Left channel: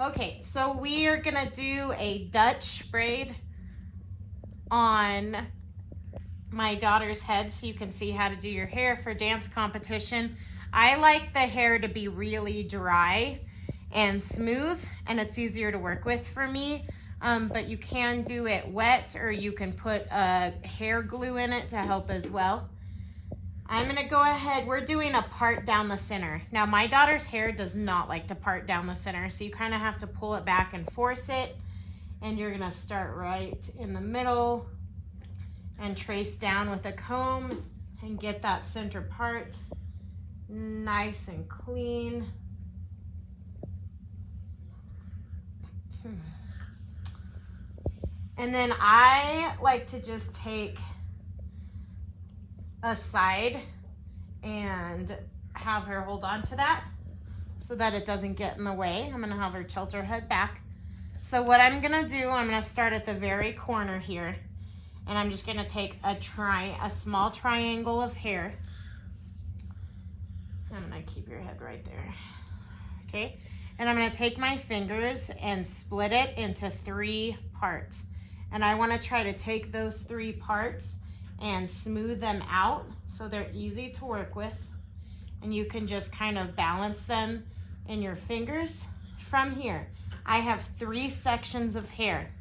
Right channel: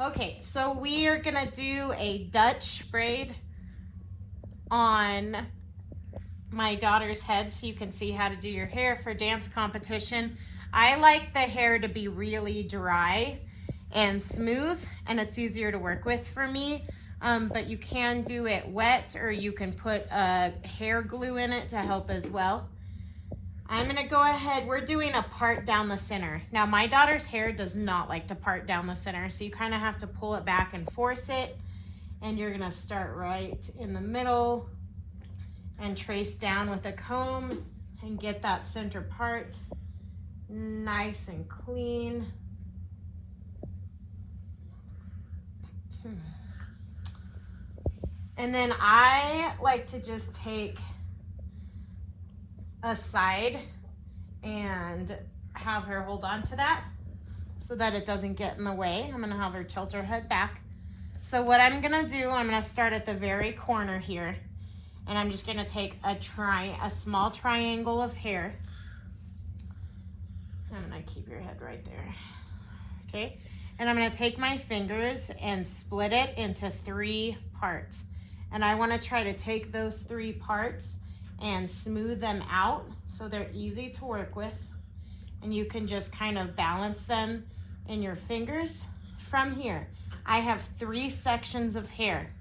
Okay, so we are gonna do a Dutch braid on my daughter's head so you can see how to do your hair for dance competition. I like the hair to be really dry and smooth, and it's easier to work with for me. But you can do it wet, or you can put hair glue in it to help as well. I'm gonna go ahead, we're doing a part down the center. Now my daughter's hair does not like to part down the center, so you kind of have to pull it back and force it. And you're gonna start right in the middle and trace down with a comb and get that center part nice and clean. And then I like to just take a side and have her hold on to that so that it doesn't get in the way. I'm gonna have her tilt her head back. So what I'm gonna do, I'm gonna start at the very corner here, and I'm just gonna take a small triangle of hair. I'm gonna keep your head right there, okay? And I'm gonna take my fingers and split it into 3 parts. And I wanna try to take those 3 parts and smooth them out so they're easy to work with. And you can just kind of balance them in your fingers. From here, I have 3 sections of hair.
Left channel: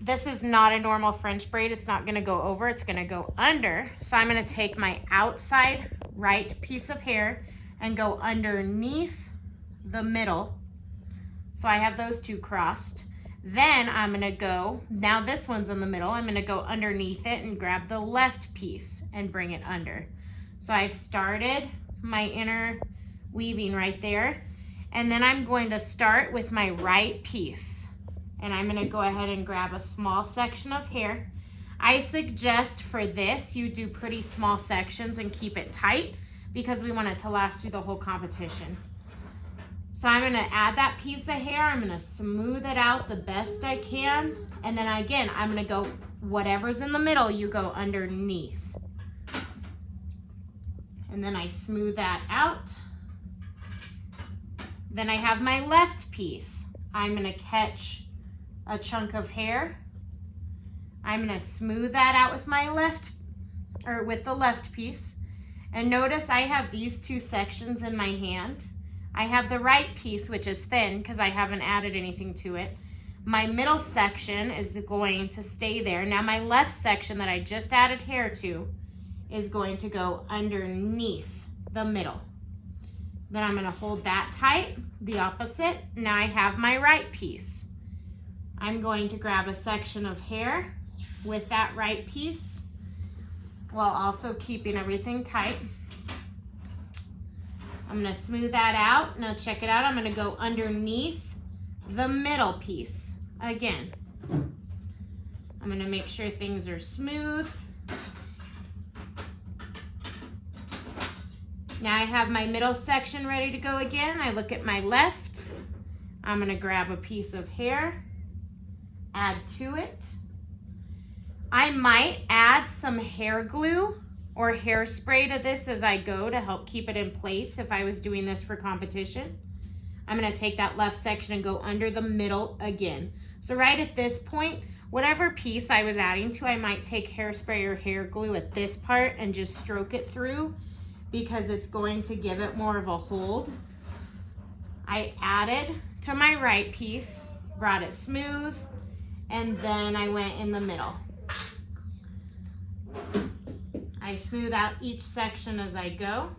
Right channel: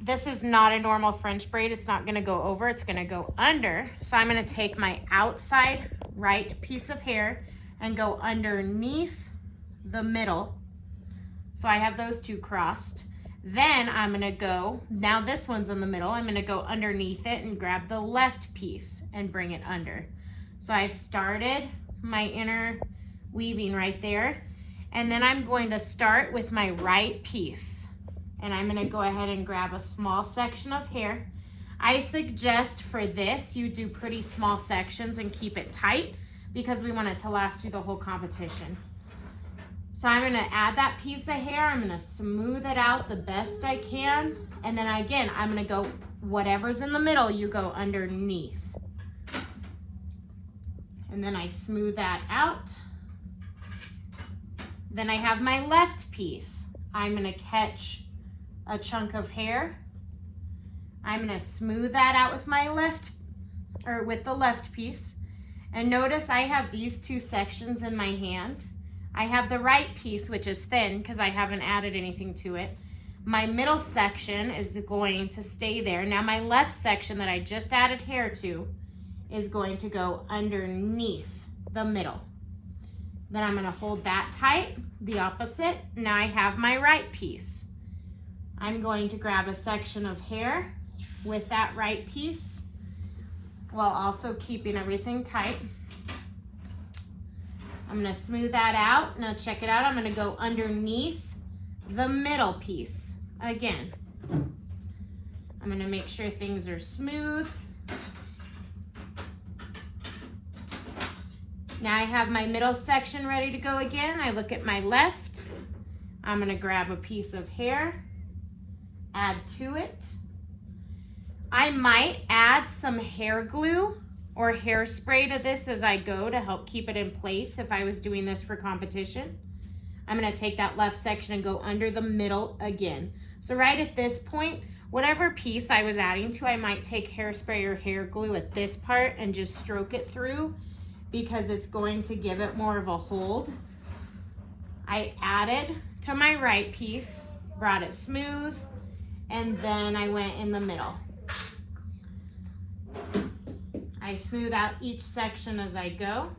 This is not a normal French braid. It's not gonna go over, it's gonna go under. So I'm gonna take my outside right piece of hair and go underneath the middle. So I have those 2 crossed. Then I'm gonna go, now this one's in the middle, I'm gonna go underneath it and grab the left piece and bring it under. So I've started my inner weaving right there. And then I'm going to start with my right piece. And I'm gonna go ahead and grab a small section of hair. I suggest for this, you do pretty small sections and keep it tight because we want it to last through the whole competition. So I'm gonna add that piece of hair, I'm gonna smooth it out the best I can. And then again, I'm gonna go, whatever's in the middle, you go underneath. And then I smooth that out. Then I have my left piece. I'm gonna catch a chunk of hair. I'm gonna smooth that out with my with the left piece. And notice I have these 2 sections in my hand. I have the right piece, which is thin because I haven't added anything to it. My middle section is going to stay there. Now my left section that I just added hair to is going to go underneath the middle. Then I'm gonna hold that tight, the opposite. Now I have my right piece. I'm going to grab a section of hair with that right piece while also keeping everything tight. I'm gonna smooth that out. Now check it out, I'm gonna go underneath the middle piece again. I'm gonna make sure things are smooth. Now I have my middle section ready to go again. I look at my left. I'm gonna grab a piece of hair, add to it. I might add some hair glue or hairspray to this as I go to help keep it in place if I was doing this for competition. I'm gonna take that left section and go under the middle again. So right at this point, whatever piece I was adding to, I might take hairspray or hair glue at this part and just stroke it through because it's going to give it more of a hold. I added to my right piece, brought it smooth, and then I went in the middle. I smooth out each section as I go.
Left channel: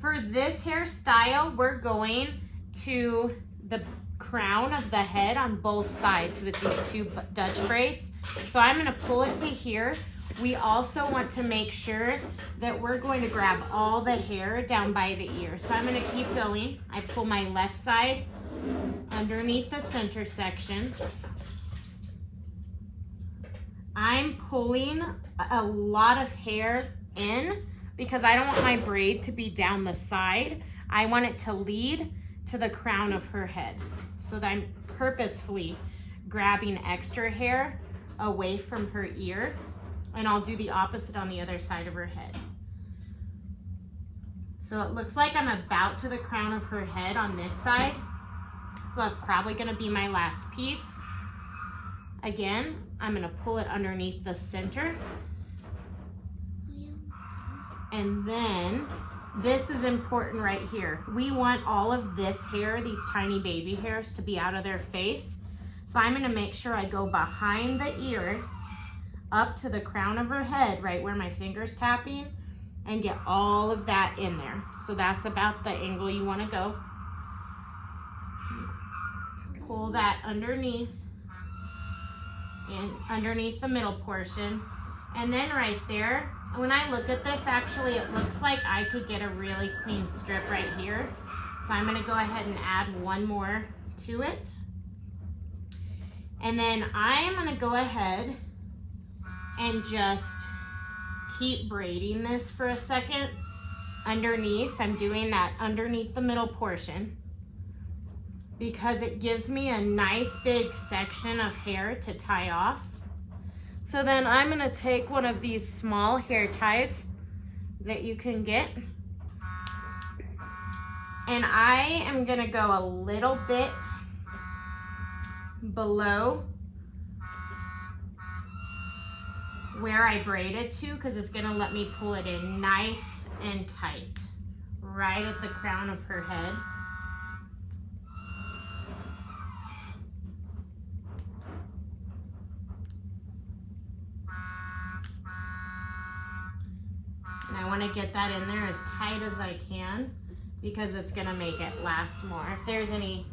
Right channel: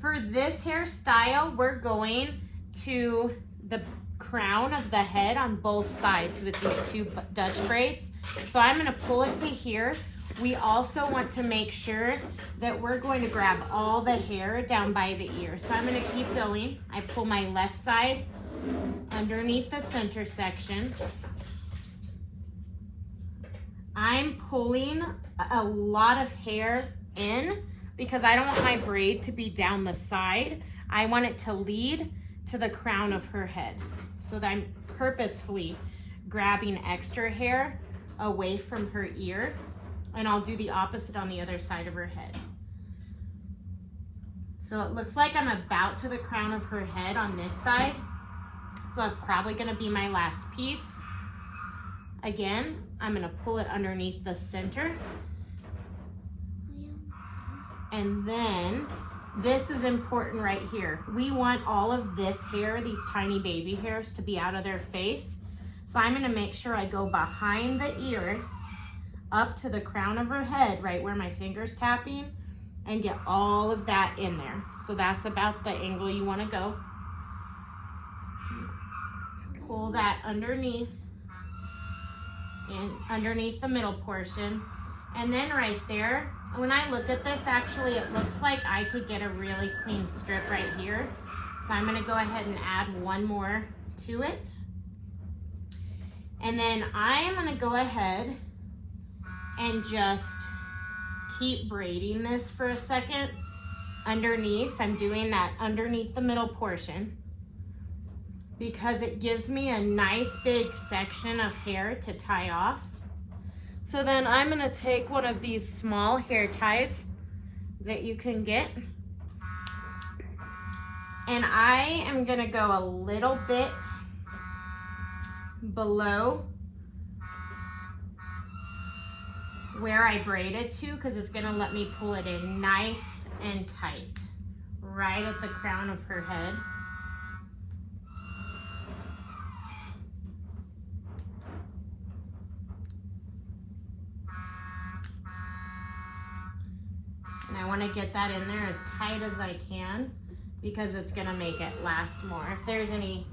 For this hairstyle, we're going to the crown of the head on both sides with these 2 Dutch braids. So I'm gonna pull it to here. We also want to make sure that we're going to grab all the hair down by the ear. So I'm gonna keep going. I pull my left side underneath the center section. I'm pulling a lot of hair in because I don't want my braid to be down the side. I want it to lead to the crown of her head. So that I'm purposefully grabbing extra hair away from her ear, and I'll do the opposite on the other side of her head. So it looks like I'm about to the crown of her head on this side. So that's probably gonna be my last piece. Again, I'm gonna pull it underneath the center. And then this is important right here. We want all of this hair, these tiny baby hairs, to be out of their face. So I'm gonna make sure I go behind the ear up to the crown of her head, right where my finger's tapping, and get all of that in there. So that's about the angle you wanna go. Pull that underneath and underneath the middle portion. And then right there, when I look at this, actually it looks like I could get a really clean strip right here. So I'm gonna go ahead and add one more to it. And then I'm gonna go ahead and just keep braiding this for a second underneath. I'm doing that underneath the middle portion because it gives me a nice big section of hair to tie off. So then I'm gonna take one of these small hair ties that you can get, and I am gonna go a little bit below where I braided to, because it's gonna let me pull it in nice and tight, right at the crown of her head. And I wanna get that in there as tight as I can because it's gonna make it last more. If there's any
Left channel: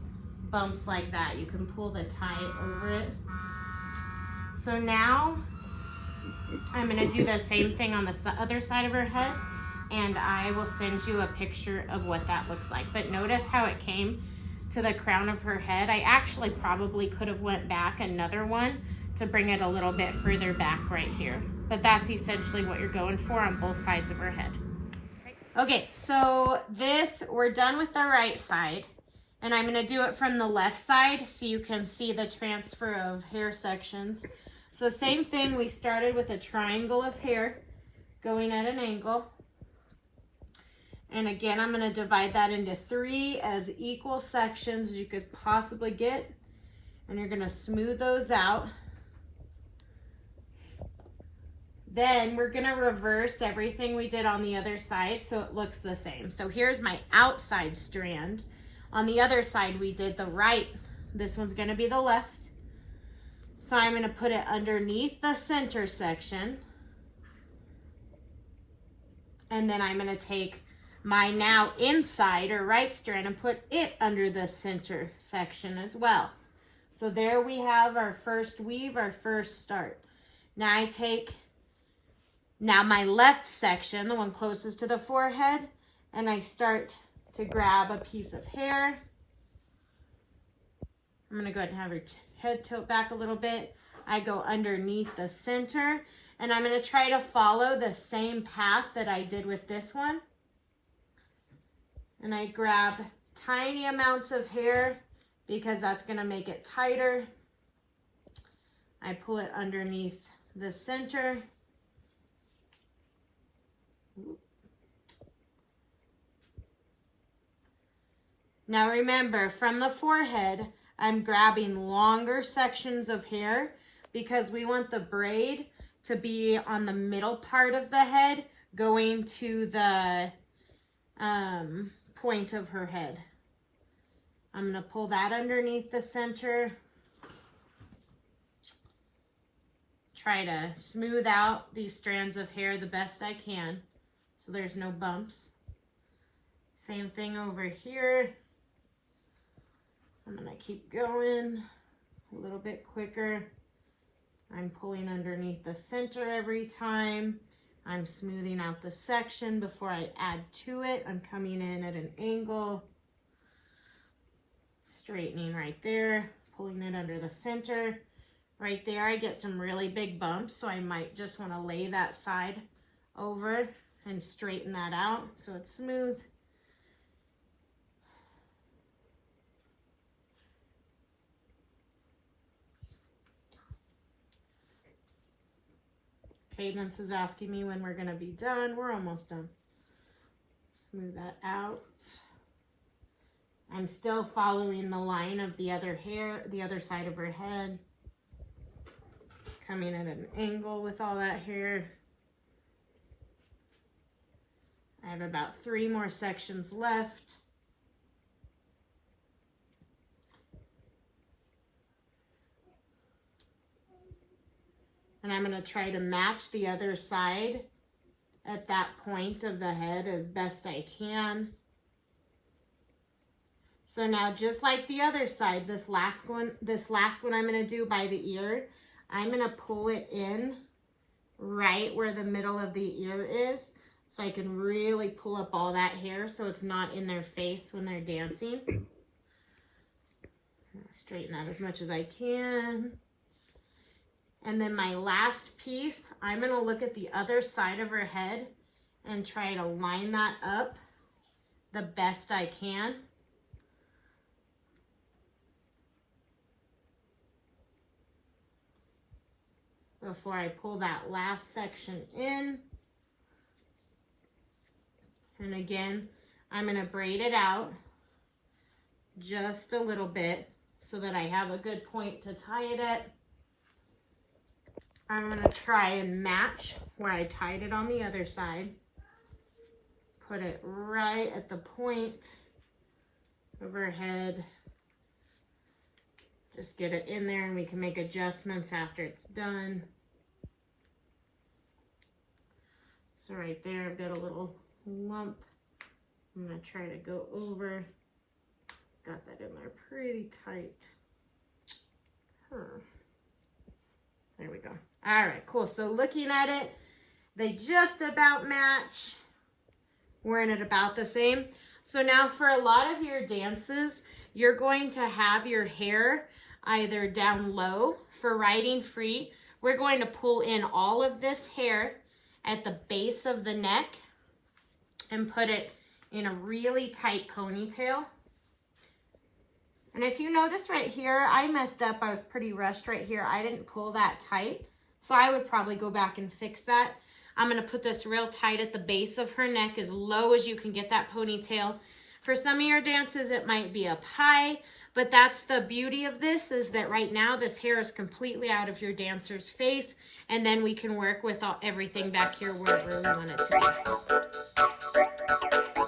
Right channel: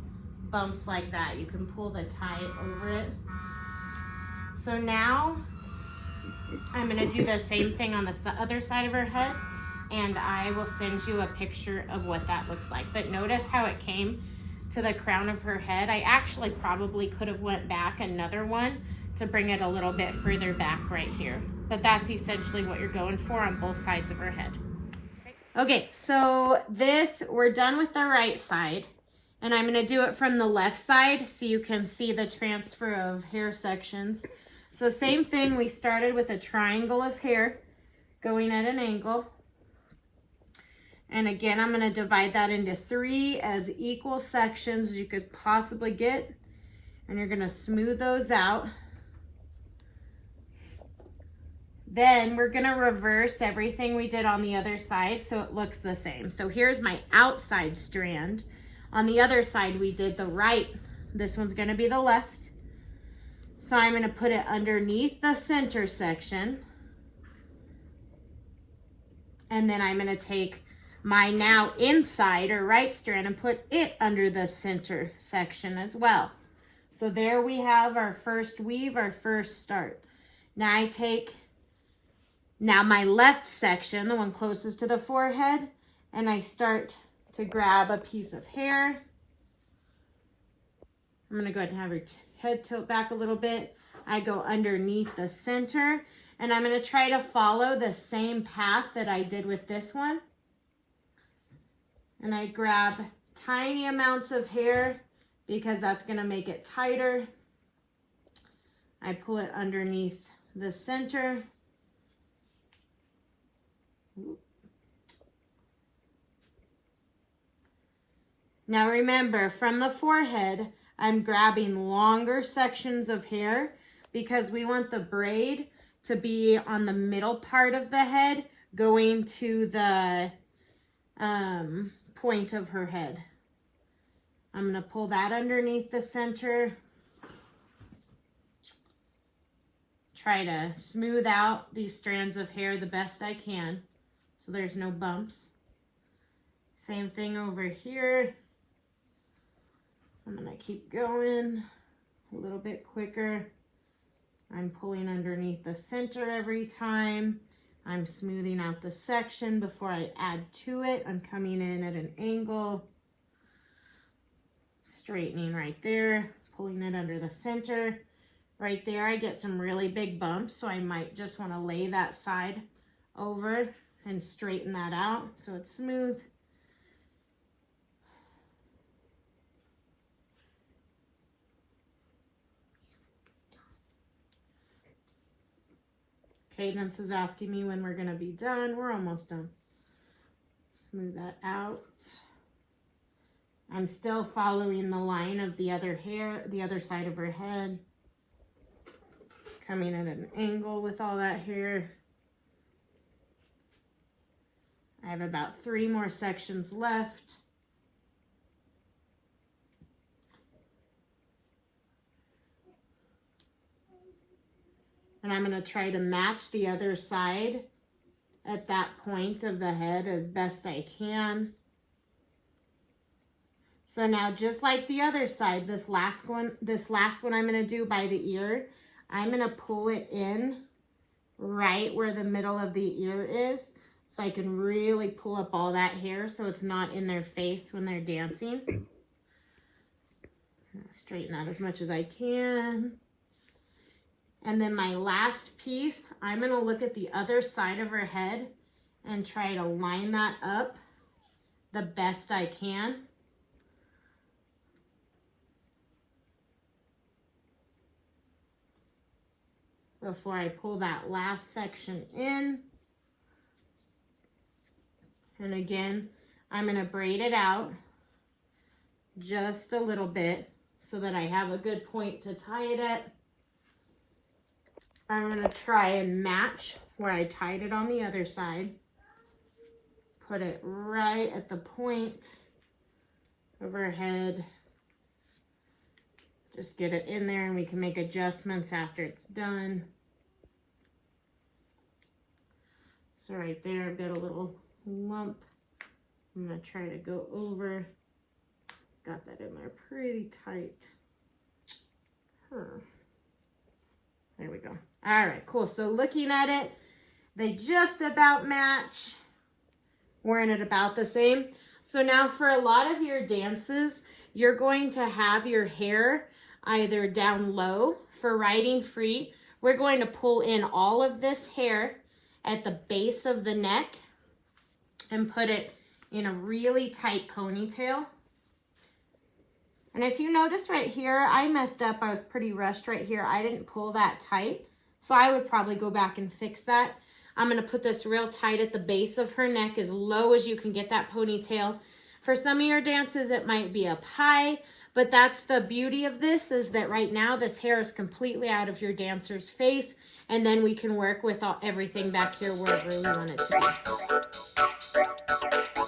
bumps like that, you can pull the tie over it. So now I'm gonna do the same thing on the other side of her head, and I will send you a picture of what that looks like. But notice how it came to the crown of her head. I actually probably could have went back another one to bring it a little bit further back right here. But that's essentially what you're going for on both sides of her head. Okay, so we're done with the right side, and I'm gonna do it from the left side so you can see the transfer of hair sections. So same thing, we started with a triangle of hair going at an angle. And again, I'm gonna divide that into 3 as equal sections as you could possibly get. And you're gonna smooth those out. Then we're gonna reverse everything we did on the other side so it looks the same. So here's my outside strand. On the other side, we did the right. This one's gonna be the left. So I'm gonna put it underneath the center section. And then I'm gonna take my now inside or right strand and put it under the center section as well. So there we have our first weave, our first start. Now I take my left section, the one closest to the forehead, and I start to grab a piece of hair. I'm gonna go ahead and have her head tilt back a little bit. I go underneath the center, and I'm gonna try to follow the same path that I did with this one. And I grab tiny amounts of hair because that's gonna make it tighter. I pull it underneath the center. Now remember, from the forehead, I'm grabbing longer sections of hair because we want the braid to be on the middle part of the head going to the point of her head. I'm gonna pull that underneath the center. Try to smooth out these strands of hair the best I can so there's no bumps. Same thing over here. I'm gonna keep going a little bit quicker. I'm pulling underneath the center every time. I'm smoothing out the section before I add to it. I'm coming in at an angle, straightening right there, pulling it under the center. Right there, I get some really big bumps, so I might just want to lay that side over and straighten that out so it's smooth. Cadence is asking me when we're going to be done. We're almost done. Smooth that out. I'm still following the line of the other hair, the other side of her head. Coming at an angle with all that hair. I have about 3 more sections left. And I'm going to try to match the other side at that point of the head as best I can. So now, just like the other side, this last one I'm going to do by the ear, I'm going to pull it in right where the middle of the ear is, so I can really pull up all that hair so it's not in their face when they're dancing. Straighten that as much as I can. And then my last piece, I'm going to look at the other side of her head and try to line that up the best I can. Before I pull that last section in. And again, I'm going to braid it out just a little bit so that I have a good point to tie it at. I'm going to try and match where I tied it on the other side. Put it right at the point of her head. Just get it in there and we can make adjustments after it's done. So right there, I've got a little lump. I'm going to try to go over. Got that in there pretty tight. There we go. All right, cool. So looking at it, they just about match. Wearing it about the same. So now for a lot of your dances, you're going to have your hair either down low for riding free. We're going to pull in all of this hair at the base of the neck and put it in a really tight ponytail. And if you notice right here, I messed up. I was pretty rushed right here. I didn't pull that tight. So I would probably go back and fix that. I'm going to put this real tight at the base of her neck, as low as you can get that ponytail. For some of your dances, it might be up high, but that's the beauty of this, is that right now this hair is completely out of your dancer's face, and then we can work with everything back here wherever we want it to be.